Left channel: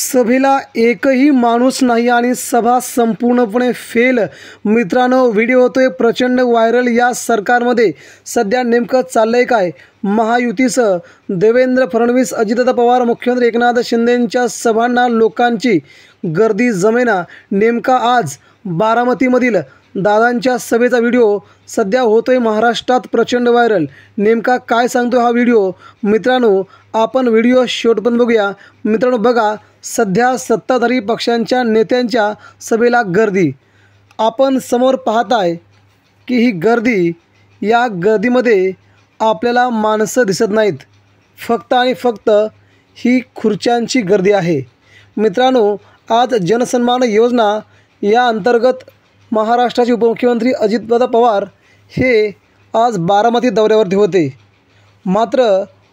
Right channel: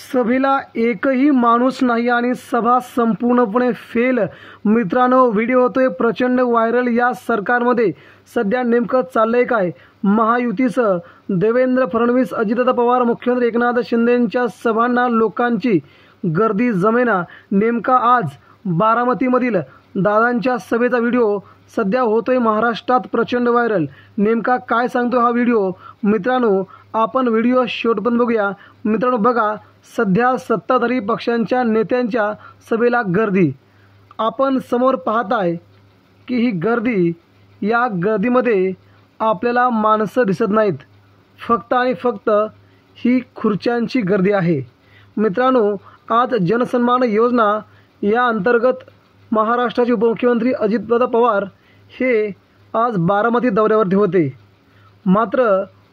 सभेला एकही माणूस नाही आणि सभा संपूर्णपणे फेल। मित्रांनो, व्हिडिओ होतोय प्रचंड व्हायरल। या सरकारमध्ये सध्या नेमकं चाललंय काय? महायुतीसह देवेंद्र फडणवीस, अजितदादा पवार, मुख्यमंत्री एकनाथ शिंदेंच्या सभांना लोकांची गर्दी जमेना। नेमका आज बारामतीमधील दादांच्या सभेचा व्हिडिओ सध्या होतोय महाराष्ट्रात प्रचंड व्हायरल। नेमका काय सांगतोय हा व्हिडिओ? मित्रांनो, आपण व्हिडिओ शेवटपर्यंत बघूया। मित्रांनो बघा, सध्या सत्ताधारी पक्षांच्या नेत्यांच्या सभेला गर्दी आपण समोर पाहताय की ही गर्दी, या गर्दीमध्ये आपल्याला माणसं दिसत नाहीत, फक्त आणि फक्त ही खुर्च्यांची गर्दी आहे। मित्रांनो, आज जनसन्मान योजना या अंतर्गत महाराष्ट्राचे उपमुख्यमंत्री अजितदादा पवार हे आज बारामती दौऱ्यावरती होते, मात्र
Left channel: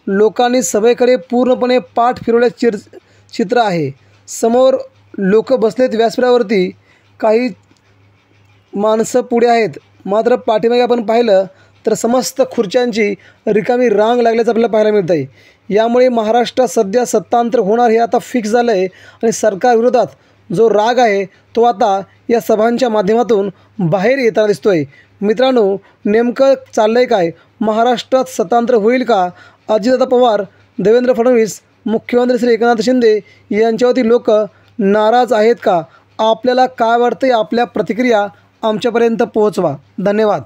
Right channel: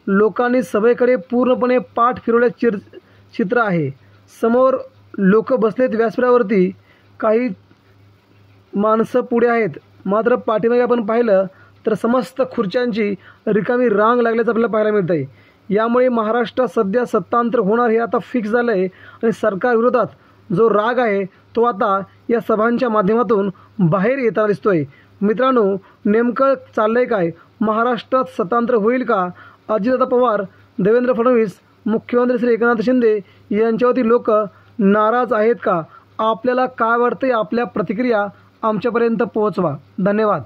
लोकांनी सभेकडे पूर्णपणे पाठ फिरवल्याचे चित्र आहे। समोर लोक बसलेत व्यासपीठावरती, काही माणसं पुढे आहेत, मात्र पाठीमागे आपण पाहिलं तर समस्त खुर्च्यांची रिकामी रांग लागल्याचं आपल्याला पाहायला मिळतं आहे। यामुळे महाराष्ट्रात सध्या सत्तांतर होणार हे आता फिक्स झालं आहे आणि सरकारविरोधात जो राग आहे तो आता या सभांच्या माध्यमातून बाहेर येताना दिसतो आहे। मित्रांनो, नेमकं चाललं आहे काय? महाराष्ट्रात सत्तांतर होईल का? अजितदादा पवार, देवेंद्र फडणवीस, मुख्यमंत्री श्री एकनाथ शिंदे यांच्यावरती लोक नाराज आहेत का? आपल्याला काय वाटतंय? आपल्या प्रतिक्रिया आमच्यापर्यंत पोहोचवा। धन्यवाद।